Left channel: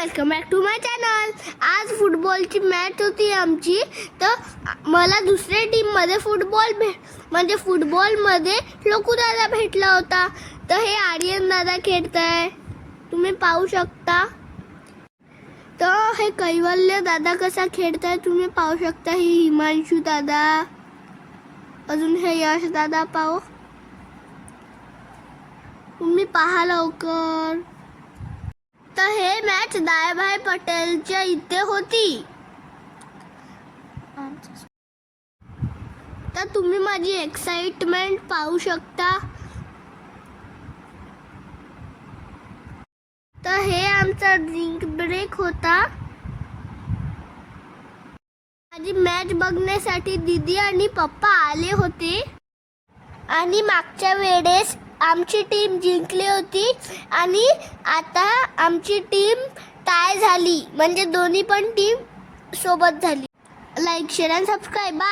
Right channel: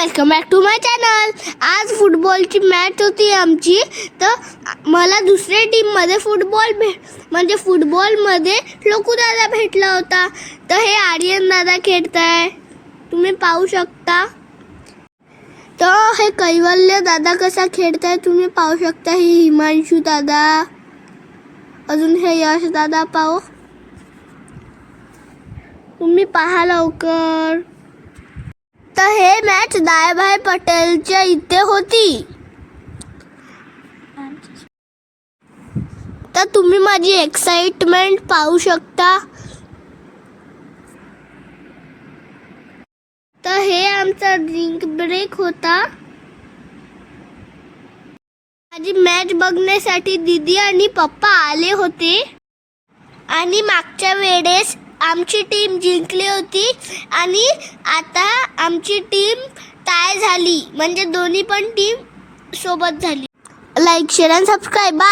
Welcome back to my channel. आज फुटबॉलची match होती आमची. तर मला दुसऱ्या टीममध्ये फुटबॉलमध्ये लोकू दादा भेटला होता. तर हे आर्यन दादा खेळताय, तुम्ही पाहू शकता. तर हे कैवल्य दादा कसा खेळताय तुम्ही पाहू शकता. हे हिमांशू दादा, अजून हे यश दादा पाहू, तुम्ही पहा लवकर. तर हे मॅच दायभाई पटेलच्या इथे होती. तर तुम्ही माझी एक्साइटमेंट पाहू शकता. तर हे आमचा ड्रिंक ब्रेक होता. माझी मॅच बघण्यासाठी दीदी आणि पप्पा आले होते. आणि मागच्या वेळेस आमची टीम जिंकली होती आणि आता आमची टीम टाय झाली, म्हणजे दोन्ही पण टीम सोबत झाली. लाईक शेअर आणि सबस्क्राईब.